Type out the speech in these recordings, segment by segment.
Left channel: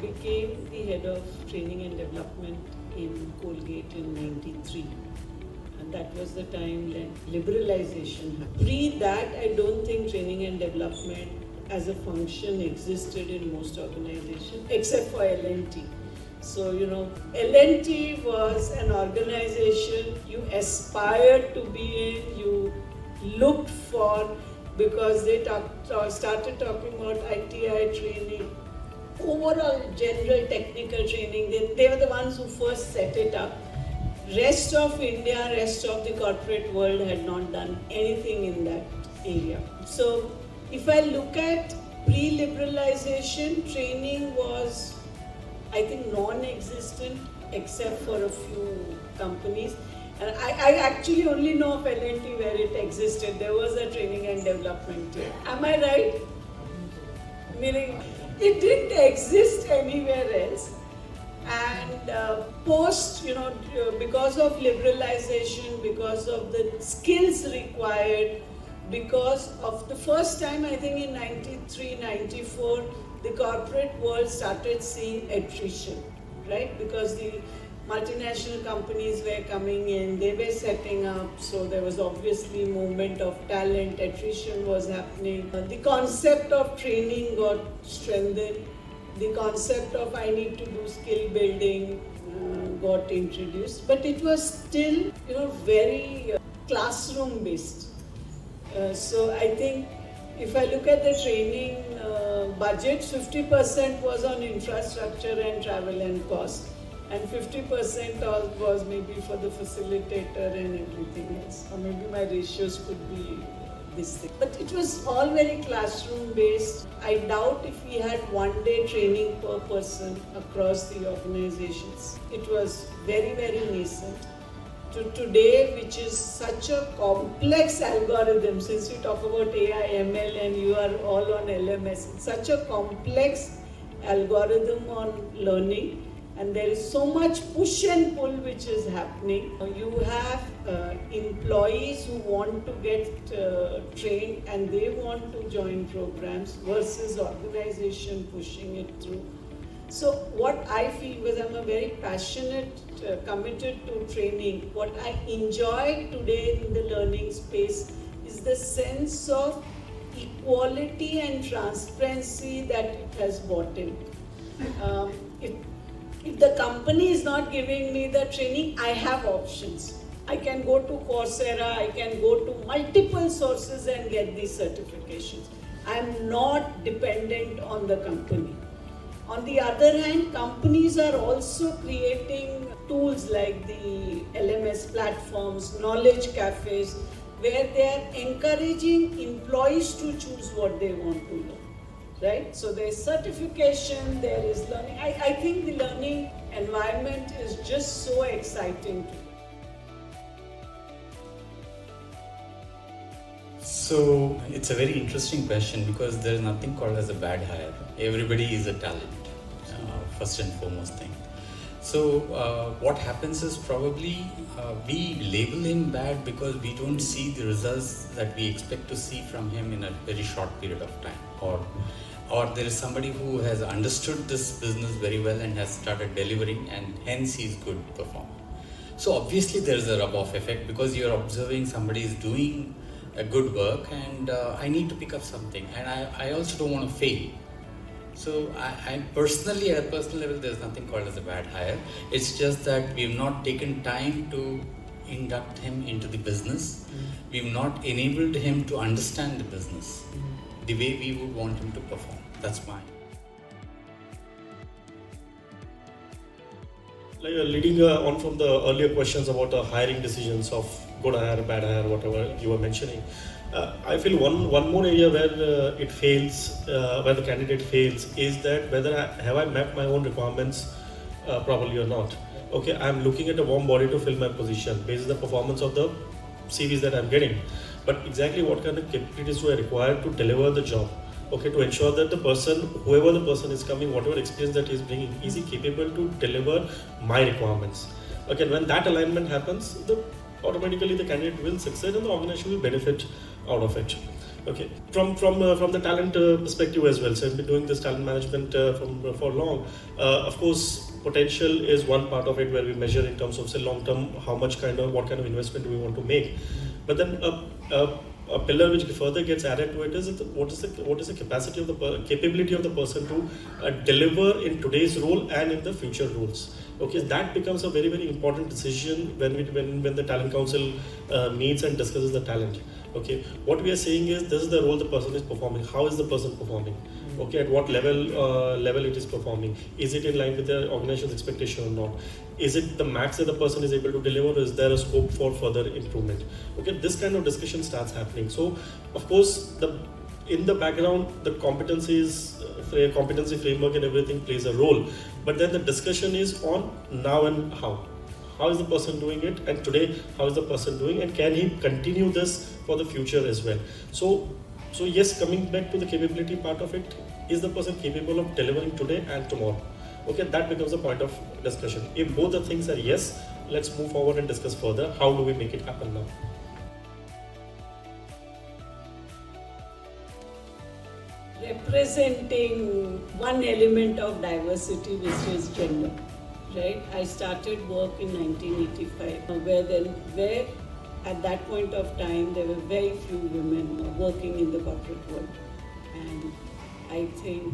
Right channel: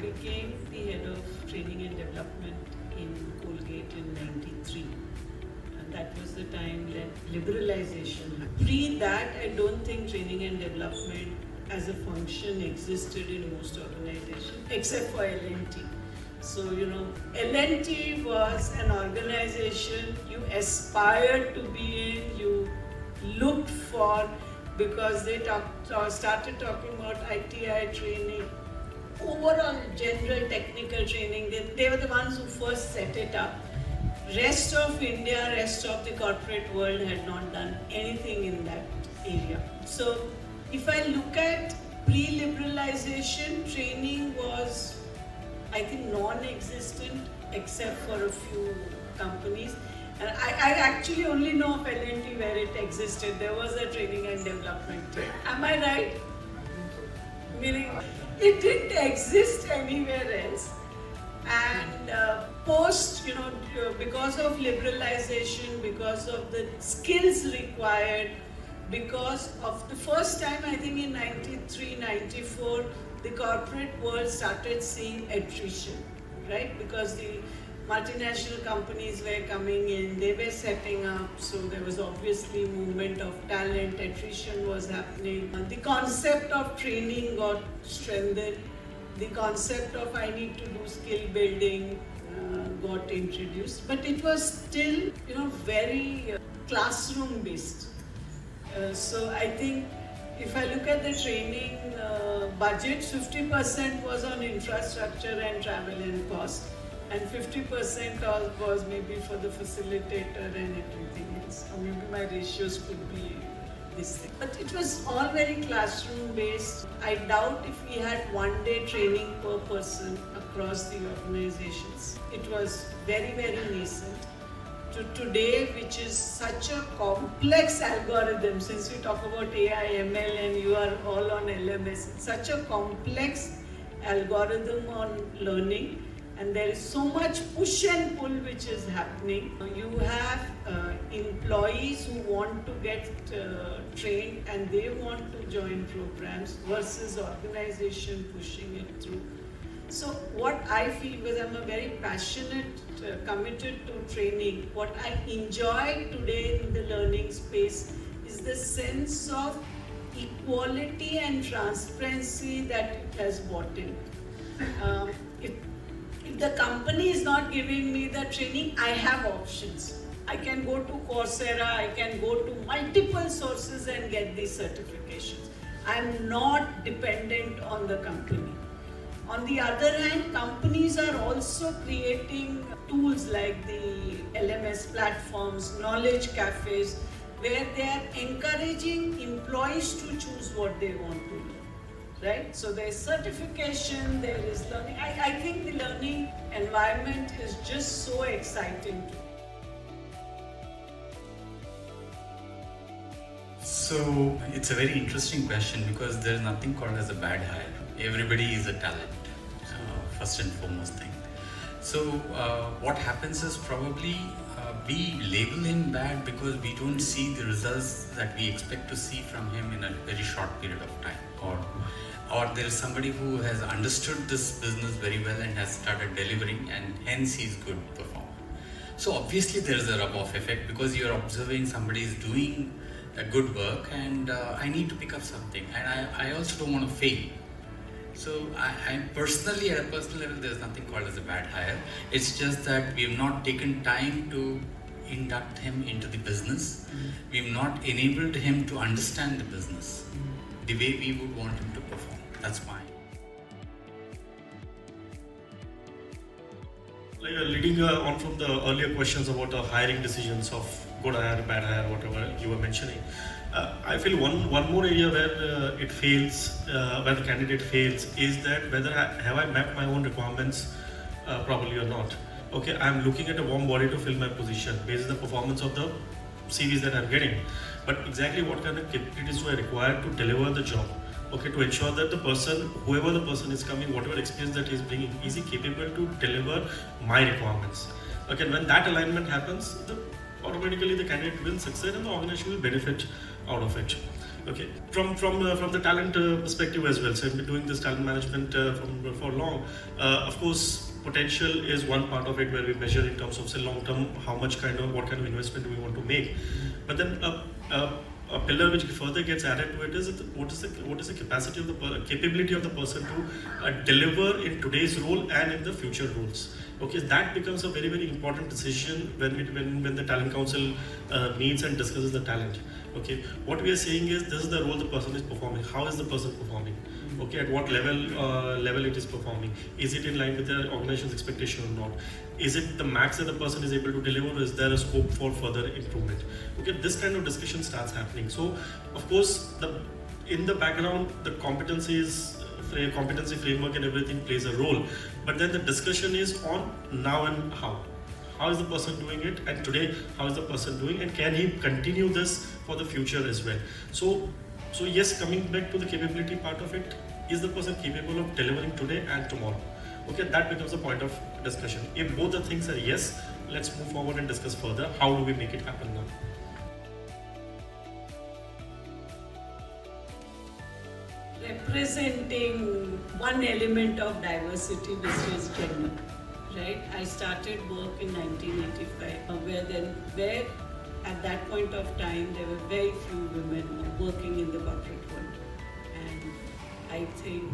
became the head of training and development in Colgate in '93. And that was the time liberalization. Pre that, I don't think training and development as a function existed in most organizations, except for L&T. So, L&T was an organization you aspired to be in, you looked for, because they started talking about ITI training, overall general technical training. They were the ones who first set it up. Rest of India, rest of the corporate world had not done anything in that area. So if I look at pre-liberalization, training was, I think, non-existent except for a few companies. And I actually only know of L&T where it existed. There was a training and development team. Am I right? Meaning, it didn't exist anywhere else. And post, because of liberalization, because of the skills required, because of the first time, I think in '93, '94, the corporate world started seeing attrition, right? Because the multinational companies were coming in, they were setting up, so there was obviously movement of talent, attrition was happening. The concept of training got strengthened. The concept of I need to do skill building got introduced, but it was still, very classroom based. So I think if I look at the training budget, 50% was on infrastructure and travel and cost, and 50% was maybe for the facilitator and everything else. Or maybe my ratios could be this thing. But it was all very classroom based. I doubt if we had one day training per person across the organizations. It was very, very nascent. To today, which is such a complex algorithm, since we talk about AI, ML and you are all on LMS, such a complex algorithm on learning, and there is so much push and pull which is happening. You have employees who want to get trained and they want to join programs versus organization pushing it through. So what I feel, because I'm a very passionate, committed to training, what I enjoy today in the learning space is the sense of equality and transparency that it has brought in. If the company is not giving me the training, I have options. I can go to Coursera, I can go to multiple sources and get these certifications. I am not dependent on the company. On the other hand, companies are also creating tools like the LMS platforms, knowledge cafes, where they are encouraging employees to choose what they want to learn. Right? So there is certification, there is learning. I think the learning environment is just so exciting. So it's a very interesting question because there is nothing called as a bad hire. Everybody is a talent, first and foremost thing. So what happens is probably we label him bad because we don't see the results that we expect to see from him in a very short period of time, or there is somebody who has understood this business very well and has started delivering, and hence he's good performer. So obviously there is a rub-off effect because you're observing somebody is doing a good work and I need to pick up something, and I also don't want to fail. So I personally, at a personal level, there's nothing called as a bad hire. It's just that we've not taken time to induct him into the business. We've not enabled him to understand the business the way we would want him to perform. That's mine. Leading on from the earlier questions about the hiring decisions of good hire, bad hire, whatever you were mentioning, I feel one more area where it fails, where the candidate fails, is that whether have I mapped my own requirements properly or not. Okay, I'm looking at a warm body to fill my position based on the performance of the CVs that I'm getting, but exactly what kind of capabilities do I require to deliver the job? Okay, to ensure that the person, whoever the person is coming, whatever experience that he's bringing, is he capable to deliver my requirements? Okay, when that alignment happens, automatically the candidate will succeed and the organization will benefit out of it. Okay, from the talent perspective as well. So I've been doing this talent management for long. Of course, potential is one part of it where we measure in terms of say long term what kind of investment do we want to make. But then a pillar which further gets added to it is what is the capacity of capability of the person to deliver in today's role and in the future roles. Okay, that becomes a very, very important decision when the talent council meets and discusses the talent. Okay, what we are saying is this is the role the person is performing. How is the person performing? Okay, at what level it is performing? Is it in line with the organization's expectation or not? Is it the max that the person is able to deliver, or is there a scope for further improvement? Okay, this kind of discussion starts happening. So, of course, in the background, the competency framework and everything plays a role. But then the discussion is on now and how. How is the person doing it? And today, how is the person doing? And can he continue this for the future as well? So yes, coming back to the capability part of it, is the person capable of delivering today and tomorrow? Okay, that becomes a point of discussion. If both the things are yes, let's move forward and discuss further. How do we make it happen now? Representing one element of diversity, which is gender, right? I started work in 1985, where at that point of time there were very few women working in the corporate world, and I think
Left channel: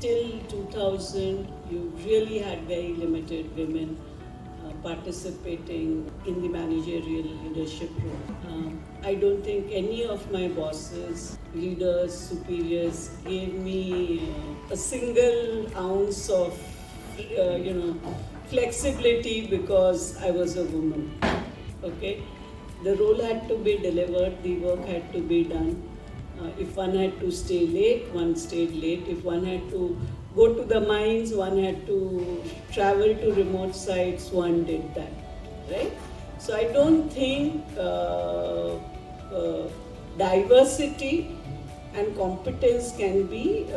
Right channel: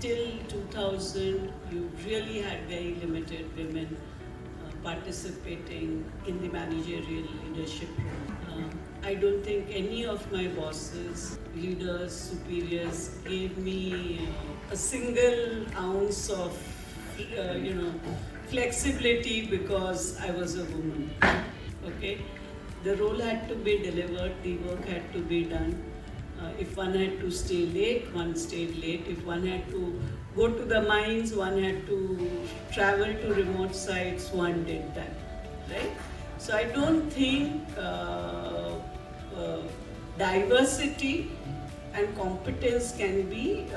till 2000 you really had very limited women participating in the managerial leadership role. I don't think any of my bosses, leaders, superiors gave me a single ounce of flexibility because I was a woman. Okay, the role had to be delivered, the work had to be done. If one had to stay late, one stayed late. If one had to go to the mines, one had to travel to remote sites, one did that, right? So I don't think diversity and competence can be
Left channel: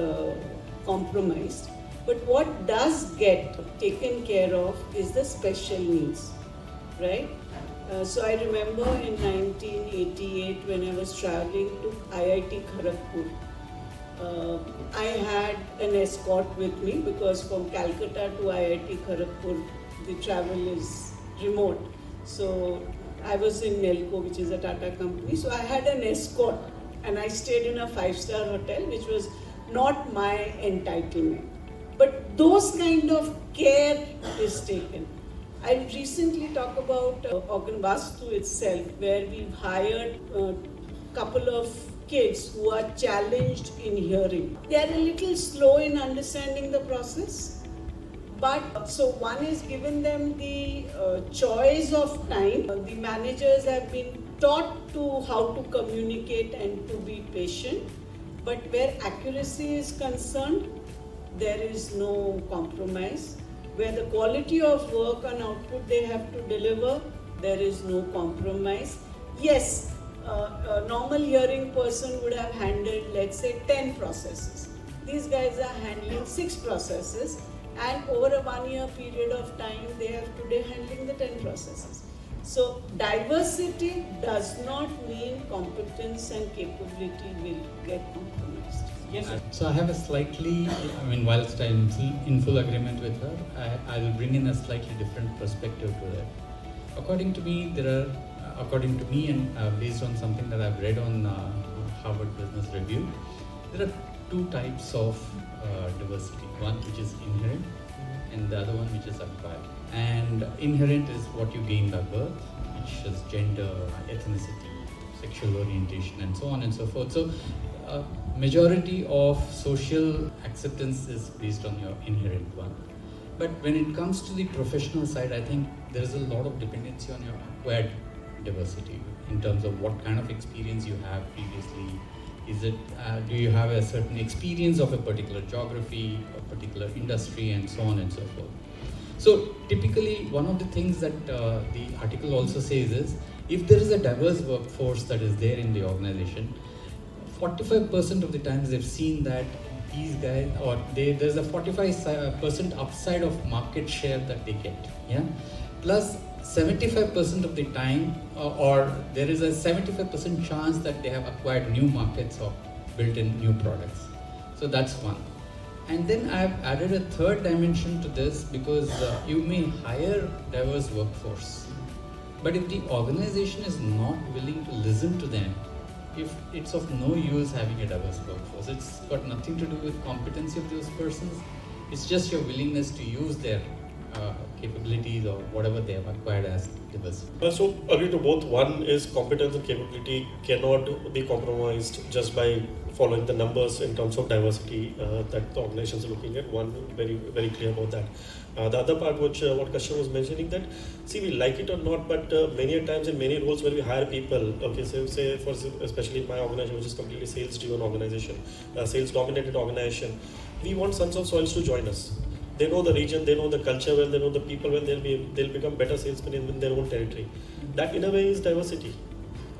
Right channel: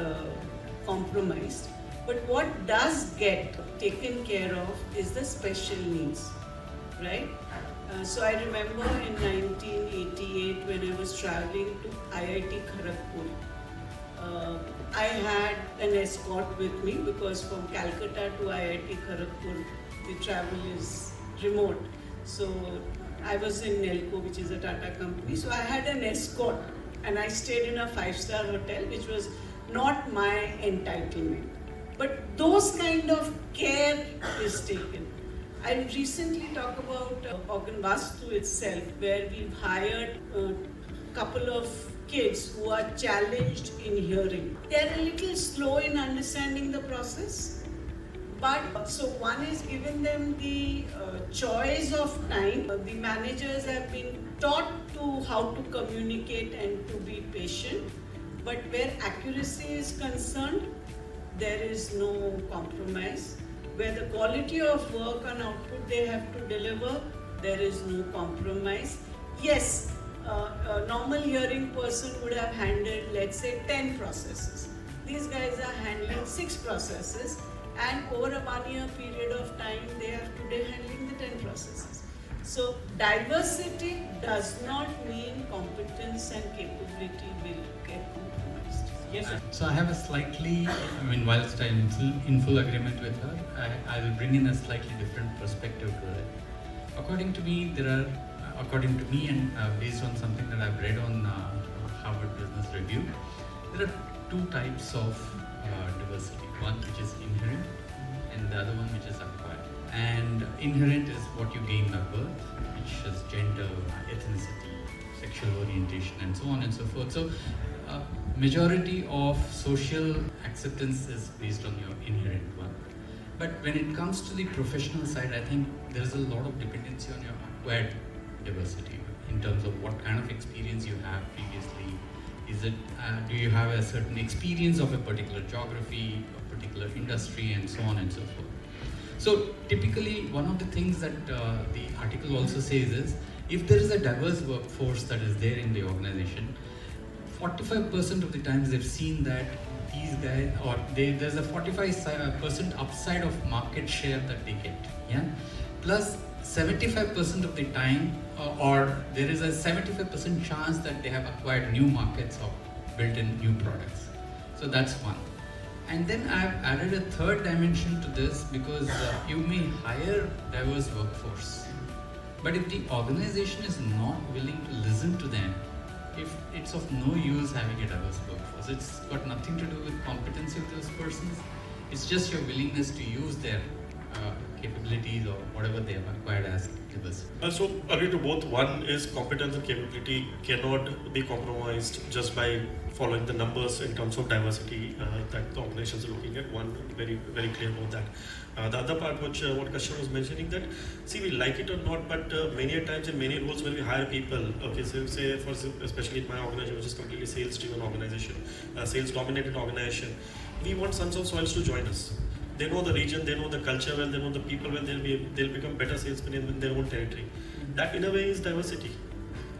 compromised. But what does get taken care of is the special needs, right? So I remember in 1988 when I was traveling to IIT Kharagpur, I had an escort with me because from Calcutta to IIT Kharagpur the travel is remote. So I was in Nelco, which is a Tata company, so I had an escort and I stayed in a 5-star hotel, which was not my entitlement. But those kind of care is taken. I recently talked about Organ Vastu itself, where we've hired a couple of kids who are challenged in hearing. They are a little slow in understanding the process, but so one is giving them the choice of time. The managers have been taught to how to communicate and to be patient, but where accuracy is concerned, there is no compromise. Where the quality of work and output they have to deliver, there is no compromise. Yes, a normal hearing person would have handled, let's say, 10 processes. These guys are handling 6 processes, and over a 1-year period of time, they are today handling the 10 processes. So diversity does not mean competence and capability will get compromised. Yes, sir. So I have a slightly, whilst I'm in full agreement with her, I will bring in a slightly different perspective to that. According to me and based on something that I've read on Harvard Business Review, there are 2 types of diversity. One which is inherent and the other one which is acquired. And inherent is what you gain by birth, which is gender, ethnicity, sexual orientation and so on and so forth. So majority of social acceptance is based on your inherent one. But when it comes to the professional side, I think there is a lot of dependency on your acquired diversity in terms of what kind of experience you have previously. Is it, do you have a certain experience of a particular geography, a particular industry, and so on and so forth. So typically, one of the things that the article also says is, if there is a diverse workforce that is there in the organization, 45% of the times they've seen that these guys, or there's a 45% upside of market share that they get. Yeah. Plus, 75% of the time, or there is a 75% chance that they have acquired new markets or built in new products. So that's one. And then I've added a third dimension to this, because you may hire diverse workforce, but if the organization is not willing to listen to them, if it's of no use having a diverse workforce. It's got nothing to do with competency of those persons. It's just your willingness to use their capabilities or whatever they have acquired as diversity. So agree to both. One is competence and capability cannot be compromised just by following the numbers in terms of diversity that the organization is looking at. One, very very clear about that. The other part, which what Kashyap was mentioning, that see, we like it or not, but many a times in many roles when we hire people, okay, so say for especially in my organization, which is completely sales driven organization, sales dominated organization, we want sons of soils to join us. They know the region, they know the culture well, they know the people well, they'll become better salesmen in their own territory. That in a way is diversity.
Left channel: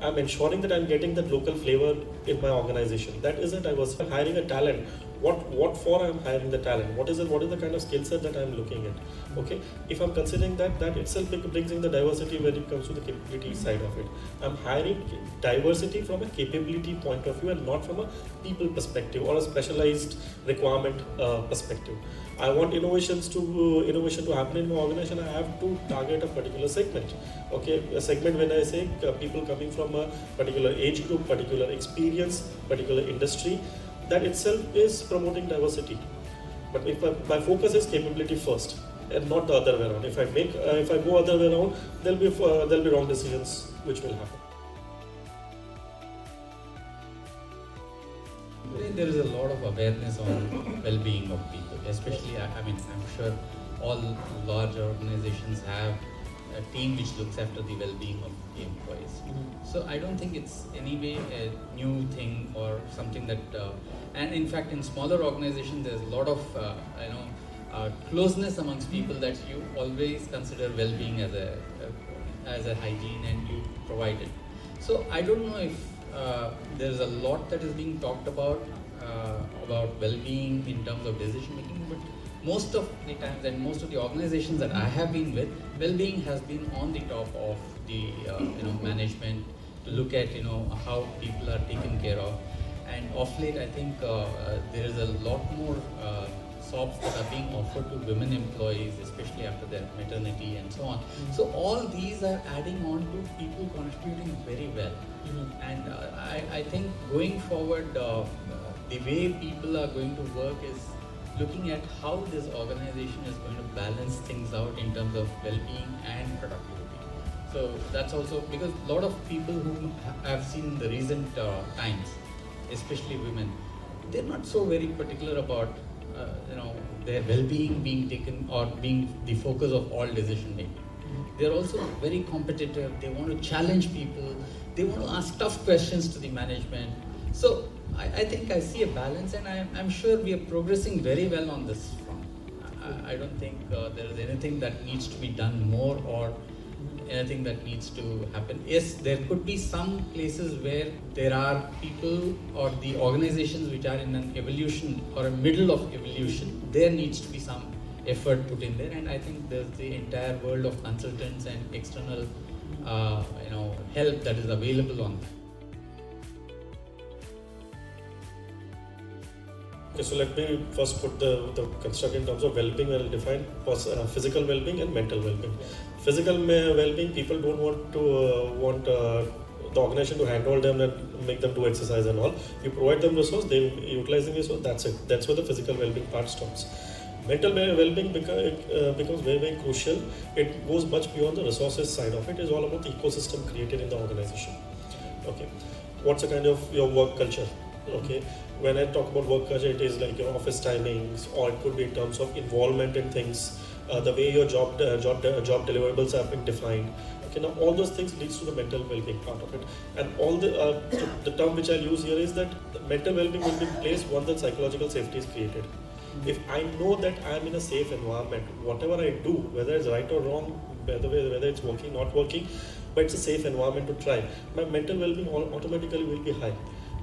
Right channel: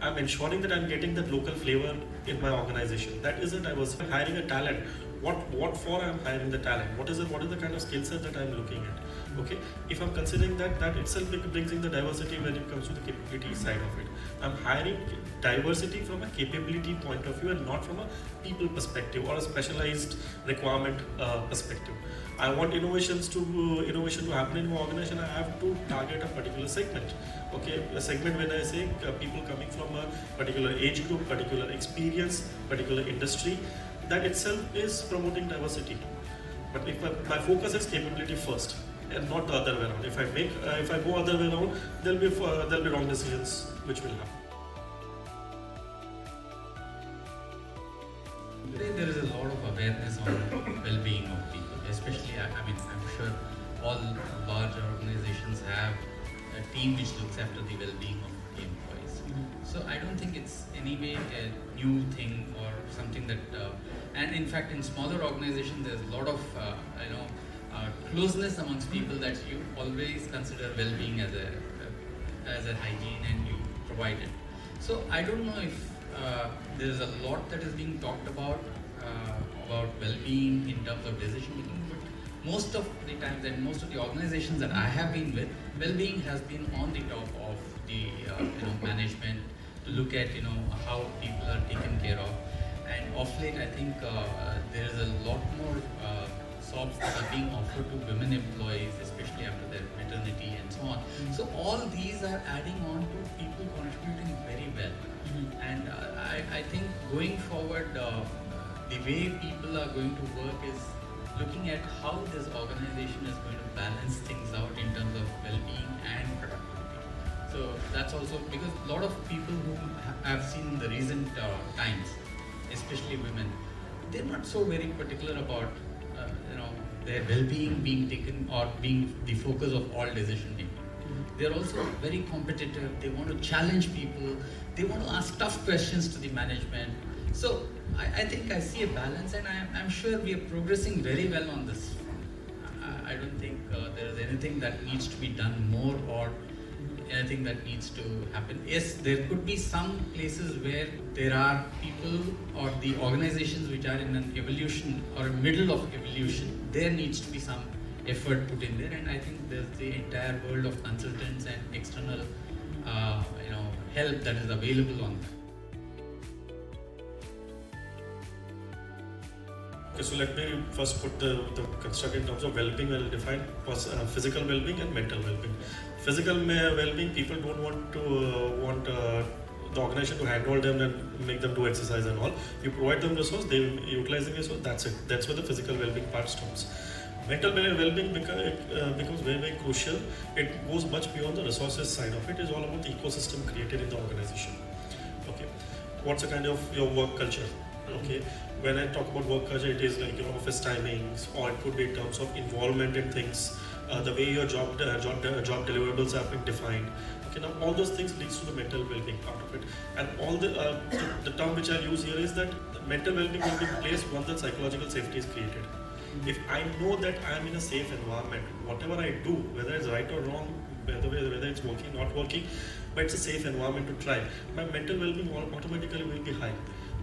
I'm ensuring that I'm getting that local flavor in my organization. That is a diversity. I'm hiring a talent. What for I'm hiring the talent? What is the kind of skill set that I'm looking at? Okay, if I'm considering that itself brings in the diversity when it comes to the capability side of it. I'm hiring diversity from a capability point of view and not from a people perspective or a specialized requirement perspective. I want innovation to happen in my organization. I have to target a particular segment. Okay, a segment, when I say people coming from a particular age group, particular experience, particular industry, that itself is promoting diversity. But if my focus is capability first and not the other way around, if I go other way around, there'll be wrong decisions which will happen. Today there is a lot of awareness on well-being of people, especially, I'm sure all large organizations have a team which looks after the well-being of the employees. So I don't think it's anyway a new thing or something that, and in fact in smaller organizations there's a lot of closeness amongst people that you always consider well-being as a hygiene and you provide it. So I don't know if there's a lot that is being talked about well-being in terms of decision making, but most of the times and most of the organizations that I have been with, well-being has been on the top of the management to look at how people are taken care of. And of late, I think there is a lot more SOPs that are being offered to women employees, especially after their maternity and so on. So all these are adding on to people contributing very well. And I think going forward, the way people are going to work is looking at how this organization is going to balance things out in terms of well-being and productivity. So that's also because a lot of people who have seen the recent times, especially women, they're not so very particular about their well-being being taken or being the focus of all decision making. They're also very competitive. They want to challenge people. They want to ask tough questions to the management. So I think I see a balance, and I'm sure we are progressing very well on this front. I don't think there is anything that needs to be done more or anything that needs to happen. Yes, there could be some places where there are people or the organizations which are in an evolution or a middle of evolution. There needs to be some effort put in there, and I think there's the entire world of consultants and external help that is available on that. Okay, so let me first put the construct in terms of well-being. Well defined physical well-being and mental well-being. Physical well-being, people don't want the organization to handhold them and make them do exercise and all. You provide them resource, they utilize the resource. That's it. That's where the physical well-being part stops. Mental well-being becomes very very crucial. It goes much beyond the resources side of it. It's all about the ecosystem created in the organization. Okay, what's the kind of your work culture? Okay, when I talk about work culture, it is like office timings, or it could be in terms of involvement in things, the way your job deliverables have been defined. Okay, now all those things leads to the mental well-being part of it. And all the term which I'll use here is that the mental well-being will be placed once the psychological safety is created. If I know that I'm in a safe environment, whatever I do, whether it's right or wrong, whether it's working, not working, but it's a safe environment to try, my mental well-being automatically will be high.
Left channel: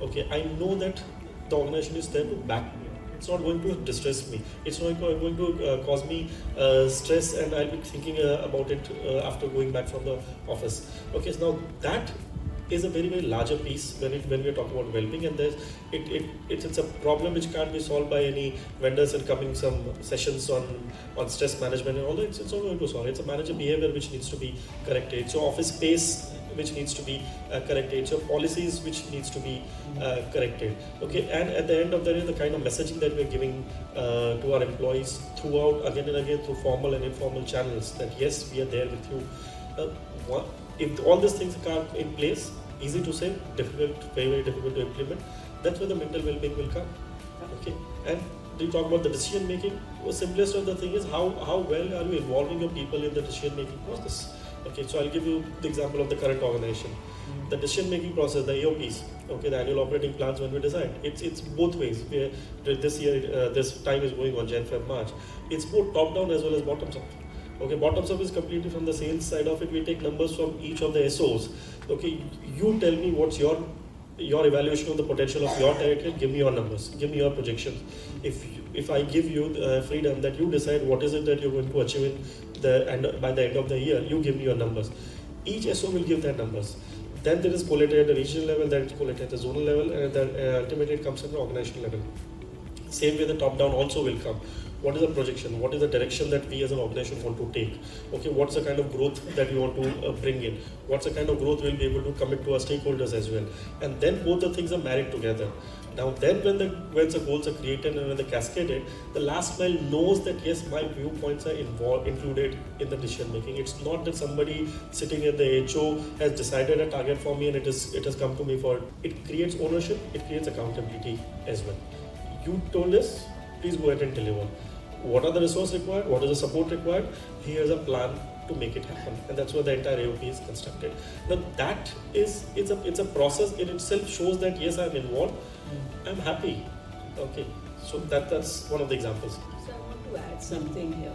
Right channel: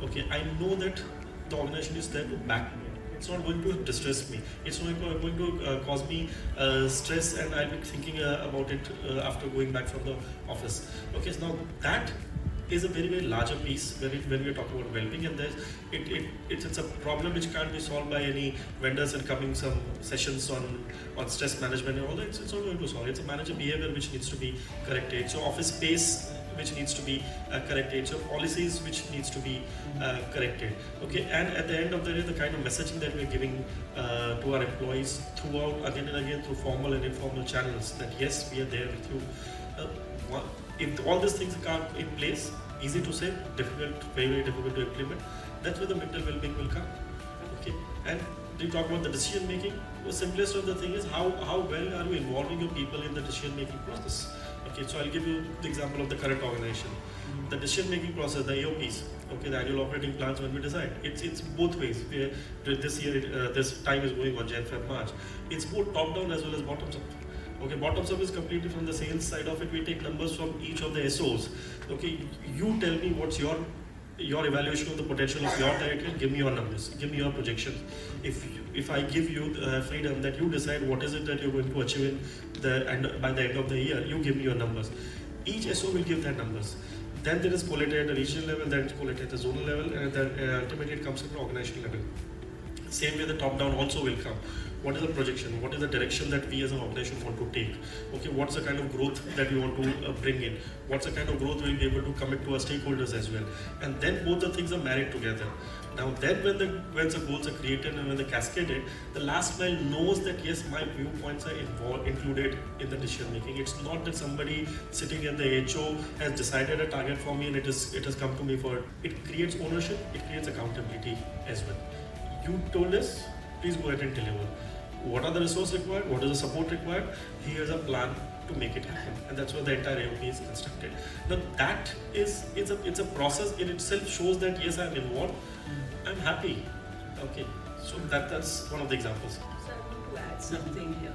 Okay, I know that the organization is there to back me. it's not going to distress me. It's not going to cause me stress, and I'll be thinking about it after going back from the office. Okay, so now that is a very, very larger piece when we are talking about well-being, and it's a problem which can't be solved by any vendors and coming some sessions on stress management and all that. It's not going to solve. It's a manager behavior which needs to be corrected. So office space which needs to be corrected. So policies which needs to be corrected. Okay, and at the end of the day, the kind of messaging that we're giving to our employees throughout again and again through formal and informal channels, that yes, we are there with you. If all these things are in place, easy to say, difficult, very, very difficult to implement, that's where the mental well-being will come. Okay, and do you talk about the decision making? The simplest of the thing is how well are you involving your people in the decision making process? Okay, so I'll give you the example of the current organization. The decision making process, the AOPs, okay, the annual operating plans when we decide, it's both ways. This year, this time is going on Jan, Feb, March. It's both top down as well as bottoms up. Okay, bottoms up is completely from the sales side of it. We take numbers from each of the SOs. Okay, you tell me what's your evaluation of the potential of your territory. Give me your numbers. Give me your projections. If I give you the freedom that you decide what is it that you're going to achieve by the end of the year, you give me your numbers. Each SO will give their numbers. Then there is collated at the regional level, then it's collated at the zonal level, and then ultimately it comes at the organizational level. Same way the top down also will come. What is the projection? What is the direction that we as an organization want to take? Okay, what's the kind of growth that we want to bring in? What's the kind of growth we'll be able to commit to our stakeholders as well? And then both the things are married together. Now then when the goals are created and when they're cascaded, the last mile knows that yes, my viewpoints are included in the decision making. It's not that somebody sitting in the HO has decided a target for me and it has come to me for it. It creates ownership, it creates accountability as well. You told us, please go ahead and deliver. What are the resources required? What is the support required? Here's a plan to make it happen, and that's where the entire AOP is constructed. Now that it's a process in itself. Shows that yes, I'm involved. I'm happy. Okay, so that's one of the examples. So I want to add something here.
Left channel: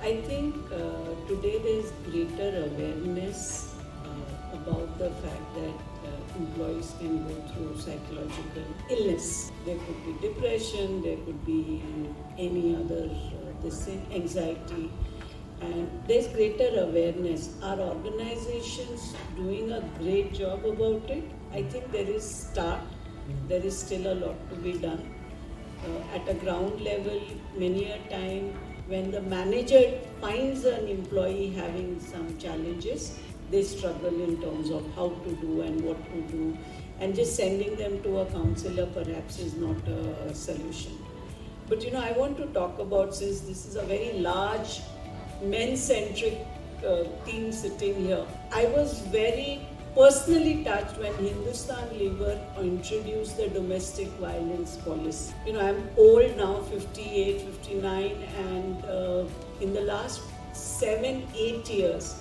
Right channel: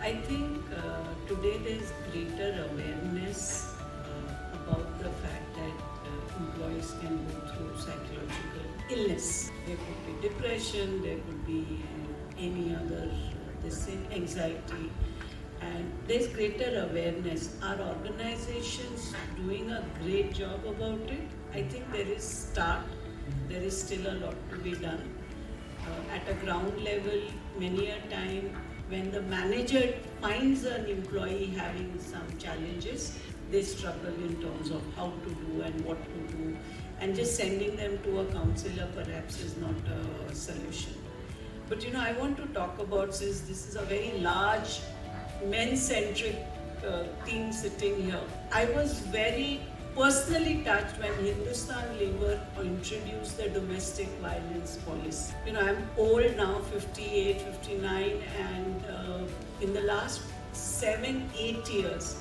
I think today there's greater awareness about the fact that employees can go through psychological illness. There could be depression, there could be any other anxiety, and there's greater awareness. Are organizations doing a great job about it? I think there is start. There is still a lot to be done. At a ground level, many a time when the manager finds an employee having some challenges, they struggle in terms of how to do and what to do, and just sending them to a counselor perhaps is not a solution. But I want to talk about, since this is a very large men-centric team sitting here, I was very personally touched when Hindustan Lever introduced the domestic violence policy. I'm old now, 58, 59, and in the last 7-8 years,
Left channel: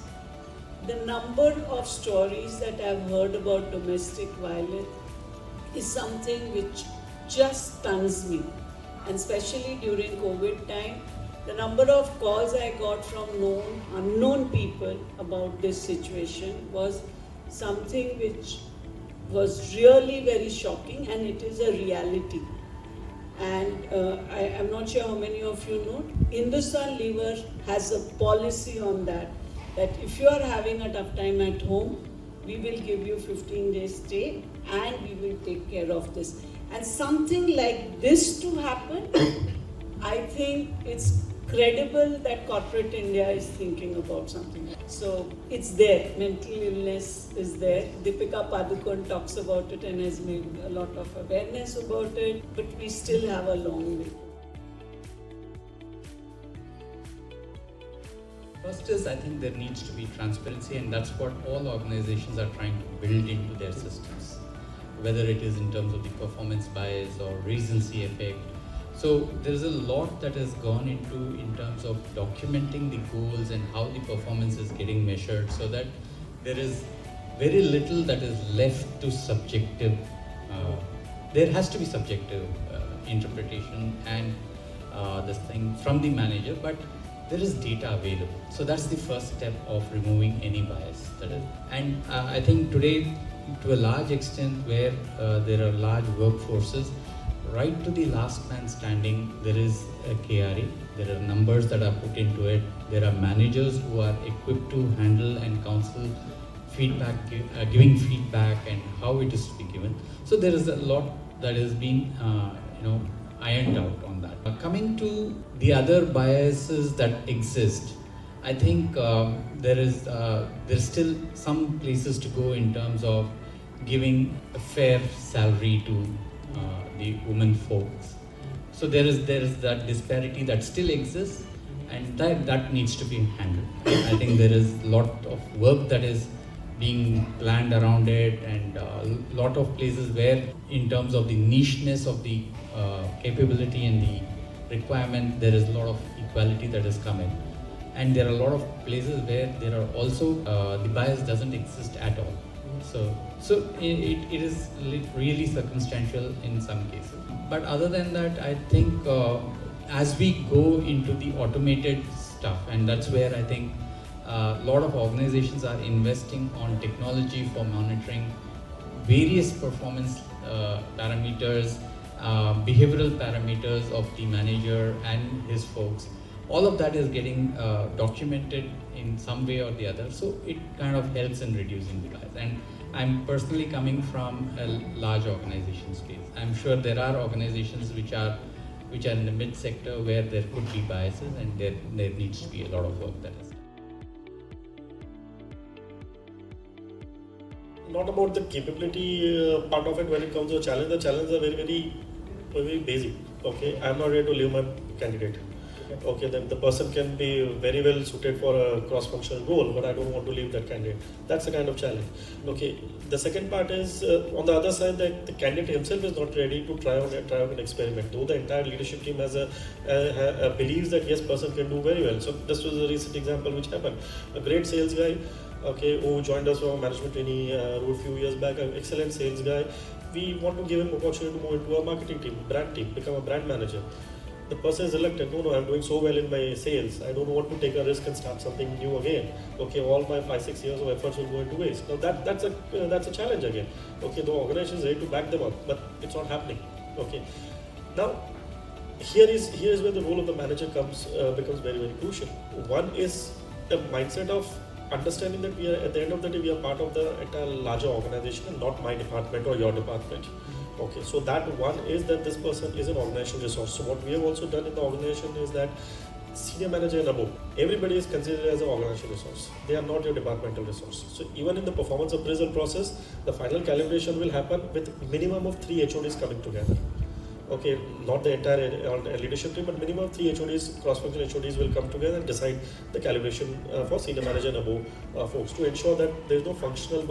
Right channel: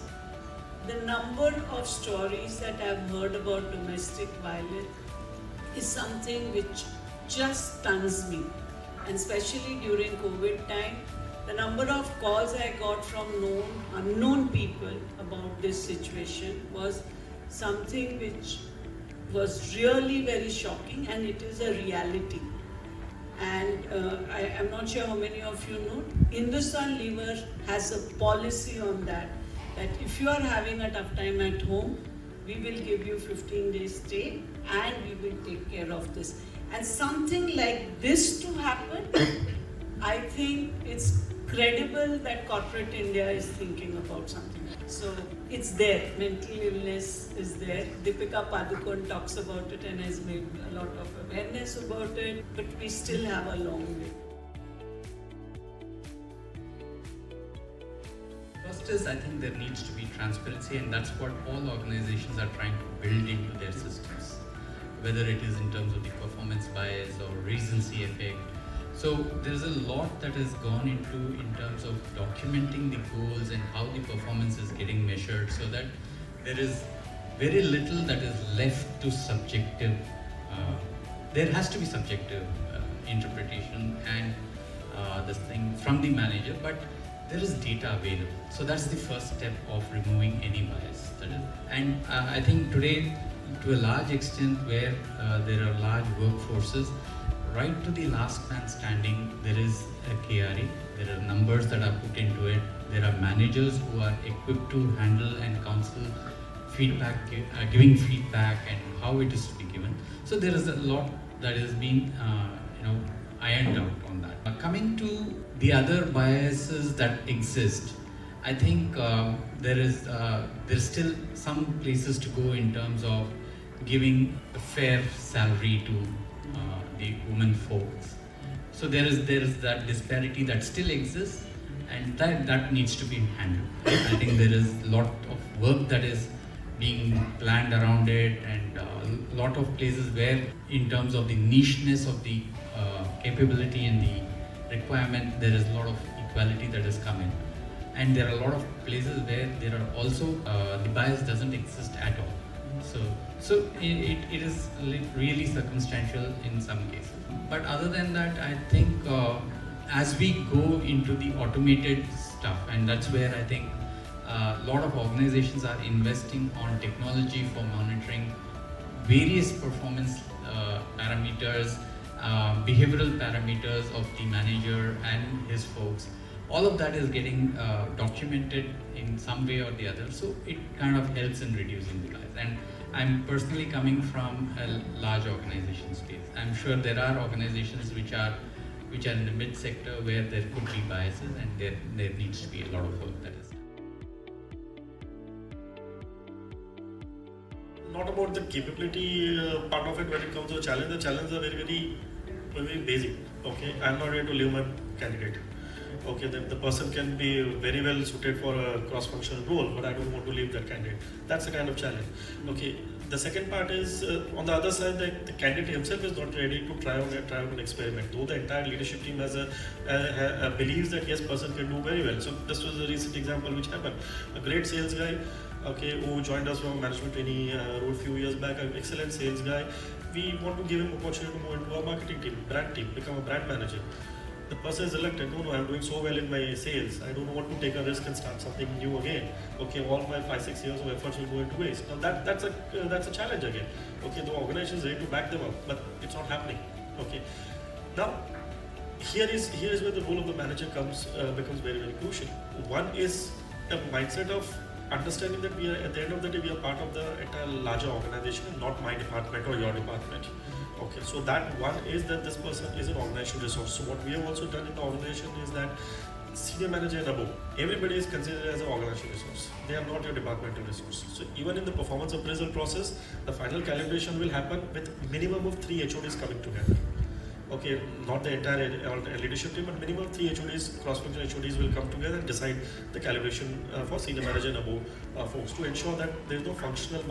the number of stories that I've heard about domestic violence is something which just stuns me. And especially during COVID time, the number of calls I got from unknown people about this situation was something which was really very shocking, and it is a reality. And I'm not sure how many of you know, Hindustan Lever has a policy on that if you are having a tough time at home, we will give you 15 days stay and we will take care of this. And something like this to happen, I think it's credible that corporate India is thinking about something. So it's there, mental illness is there. Deepika Padukone talks about it and has made a lot of awareness about it, but we still have a long way. First is, I think there needs to be transparency, and that's what all organizations are trying to build into their systems, whether it is in terms of the performance bias or recency effect. So there's a lot that has gone into in terms of documenting the goals and how the performance is getting measured, so that there is very little that is left to subjective. There has to be subjective interpretation and this thing from the manager, but there is data available. So that's the first step of removing any bias. And I think today, to a large extent, where there are large workforces, right to the last man standing, there is a KRE. There are numbers that are put into it. There are managers who are equipped to handle and counsel feedback, giving feedback and how it is to be given. So there is a lot that has been, ironed out on that. Coming to the other biases that exist, I think there's still some places to go in terms of giving a fair salary to the women folks. So there is that disparity that still exists, and that needs to be handled. I think there is a lot of work that is being planned around it, and a lot of places where, in terms of the nicheness of the capability and the requirement, there is a lot of equality that has come in. And there are a lot of places where there are also the bias doesn't exist at all. So it is really circumstantial in some cases. But other than that, I think as we go into the automated stuff, and that's where I think a lot of organizations are investing on technology for monitoring various performance parameters, behavioral parameters of the manager and his folks. All of that is getting documented in some way or the other, so it kind of helps in reducing the bias. And I'm personally coming from a large organization space. I'm sure there are organizations which are in the mid sector where there could be biases, and there needs to be a lot of work that is. Not about the capability part of it when it comes to a challenge. The challenges are very basic. Okay, I'm not here to leave my candidate. Okay, then the person can be very well suited for a cross-functional role, but I don't want to leave that candidate. That's the kind of challenge. Okay, the second part is on the other side, the candidate himself is not ready to try out an experiment. Though the entire leadership team has believes that yes, person can do very well. So this was a recent example which happened. A great sales guy, okay, who joined us from a management trainee a few years back, an excellent sales guy. We want to give him opportunity to move into a marketing team, brand team, become a brand manager. The person is elected, no, I'm doing so well in my sales, I don't want to take a risk and start something new again. Okay, all my 5-6 years of efforts will go into waste. Now that's a challenge again. Okay, the organization is ready to back them up, but it's not happening. Okay, now here is where the role of the manager becomes very, very crucial. One is a mindset of understanding that we are, at the end of the day, we are part of the entire larger organization and not my department or your department. Okay, so that one is that this person is an organizational resource. So what we have also done in the organization is that senior manager and above, everybody is considered as an organizational resource. They are not your departmental resource. So even in the performance appraisal process, the final calibration will happen with minimum of 3 HODs coming together. Okay, not the entire leadership team, but minimum 3 HODs, cross-functional HODs will come together and decide the calibration for senior manager and above folks to ensure that there is no functional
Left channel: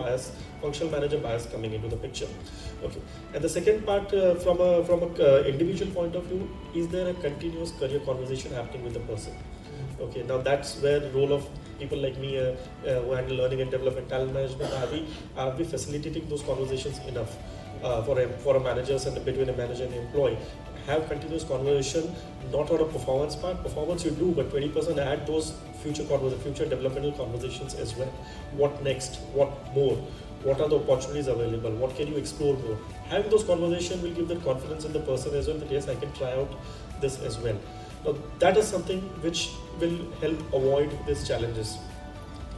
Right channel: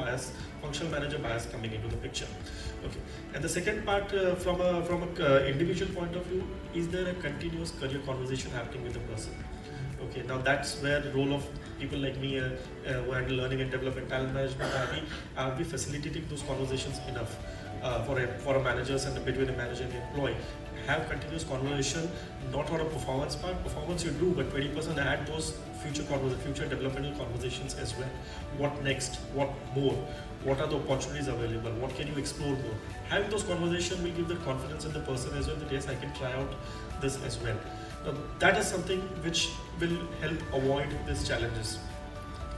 manager bias coming into the picture. Okay, and the second part from a individual point of view, is there a continuous career conversation happening with the person? Okay, now that's where the role of people like me who handle learning and development, talent management, are we facilitating those conversations enough? For a managers and between a manager and employee, have continuous conversation, not on a performance part. Performance you do, but 20% add those future developmental conversations as well. What next? What more? What are the opportunities available? What can you explore more? Having those conversations will give that confidence in the person as well that yes, I can try out this as well. Now that is something which will help avoid these challenges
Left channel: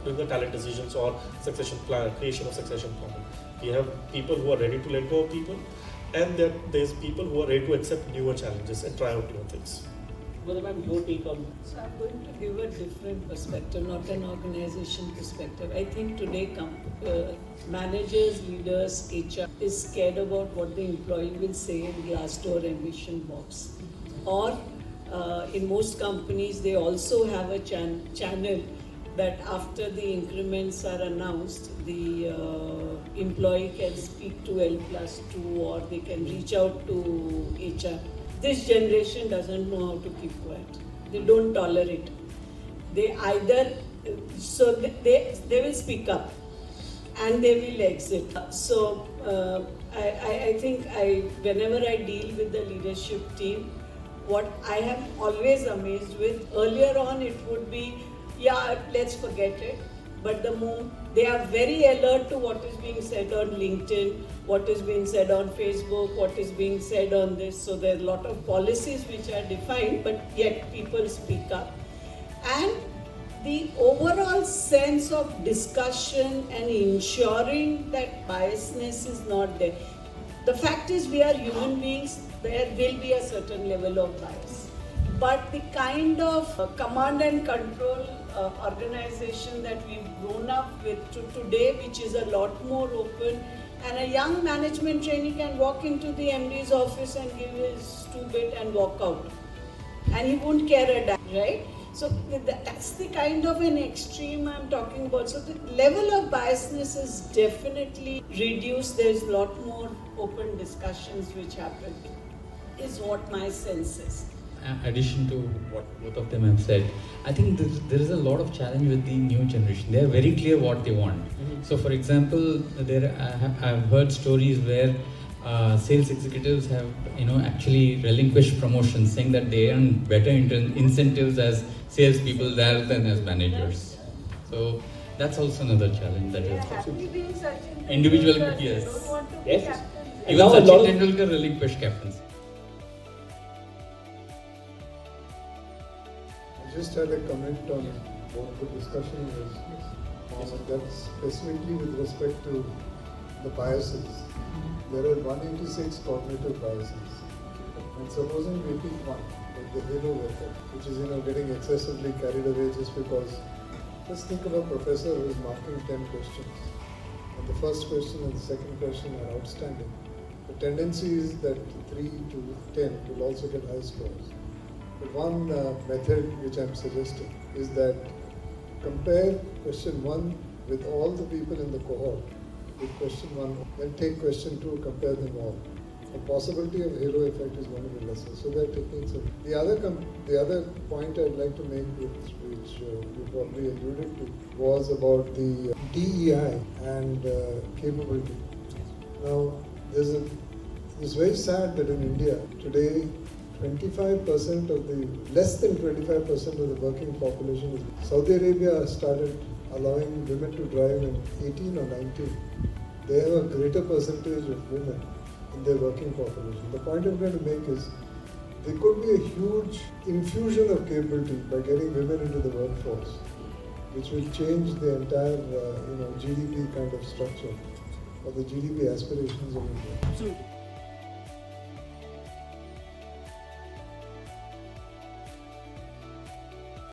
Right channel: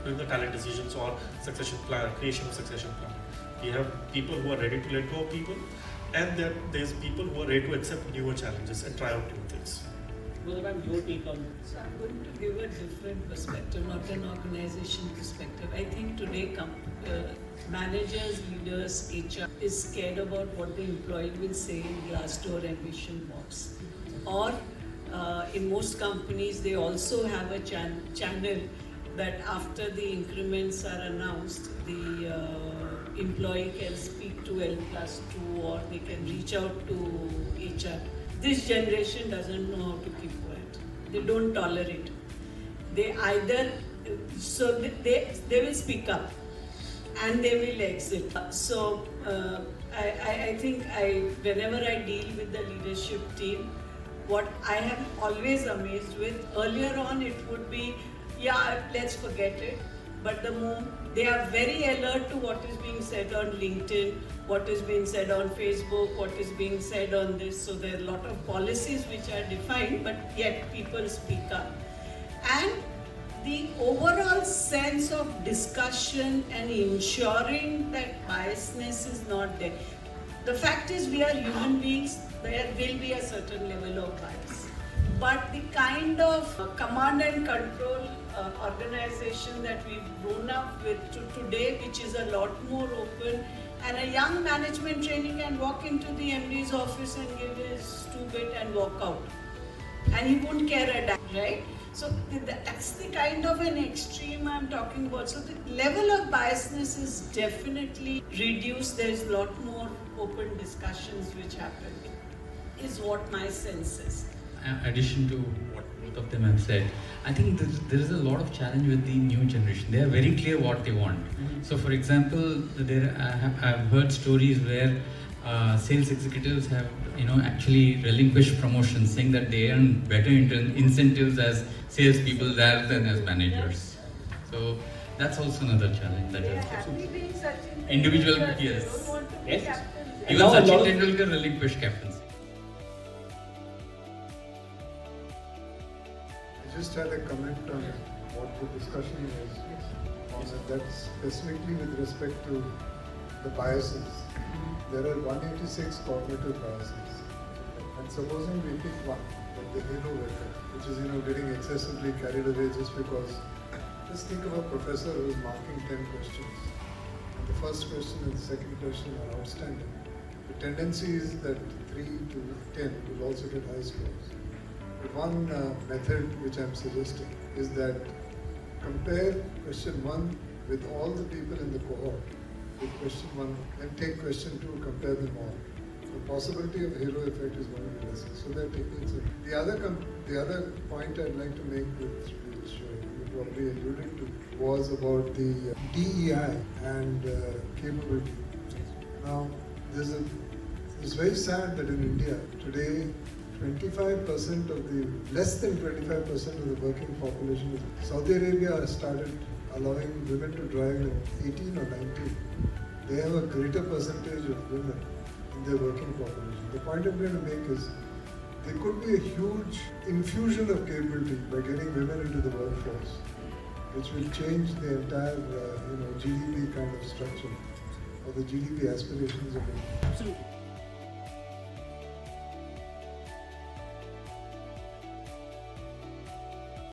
during the talent decisions or succession plan, creation of succession planning. We have people who are ready to let go of people, and there's people who are ready to accept newer challenges and try out new things. What about your take on this? So I'm going to give a different perspective, not an organization perspective. I think today managers, leaders, HR is scared about what the employee will say in Glassdoor ambition box. Or in most companies, they also have a channel that after the increments are announced, the employee can speak to L+2 or they can reach out to HR. This generation doesn't know how to keep quiet. They don't tolerate. They either, so they will speak up and they will exit. So I think whenever I deal with the leadership team, what I am always amazed with, earlier on it would be, yeah, let's forget it. but they are very alert to what is being said on LinkedIn, what is being said on Facebook, what is being said on this. So there are a lot of policies which are defined, but yet people speak up. And the overall sense of discussion and ensuring that biasness is not there. The fact is, we are human beings, there will be a certain level of bias. But the kind of command and control organization that we've grown up with today, which is a lot more open, and a young management trainee can walk into the MD's office and give his 2-bit and walk out. And he won't care a damn, right? So that's the kind of an extreme I'm talking about. So the level of biasness is definitely reduced. There's a lot more open discussions which happen, is what my sense is. Addition to what both of them have said, I think there is a lot of challenge with the new generation. They are very clear what they want. Mm-hmm. So, for example, I've heard stories where sales executives have, actually relinquished promotions, saying that they earn better incentives as salespeople rather than as managers. So that's also another challenge. That they are happy being Sachin individual, Tendulkar. yes. They don't want to be Yes. captains. Even Sachin Tendulkar relinquished captaincy. I just had a comment on what the discussion was on that, specifically with respect to the biases. There are 186 cognitive biases. And supposing we pick one, like the halo effect, which is getting excessively carried away just because, let's think of a professor who is marking 10 questions. And the first question and the second question are outstanding. The tendency is that 3 to 10 will also get high scores. But one method which I'm suggesting is that compare question 1 with all the people in the cohort with question 1, then take question 2, compare them all. The possibility of halo effect is going to be lesser. So there are techniques. The other point I'd like to make, which you probably alluded to, was about the DEI and capability. Now, it's very sad that in India today, 25% of less than 25% of the working population is. Saudi Arabia has started allowing women to drive in 18 or 19. They have a greater percentage of women in their working population. The point I'm trying to make is there could be a huge infusion of capability by getting women into the workforce, which will change the entire GDP kind of structure or the GDP aspirations of India. Absolutely.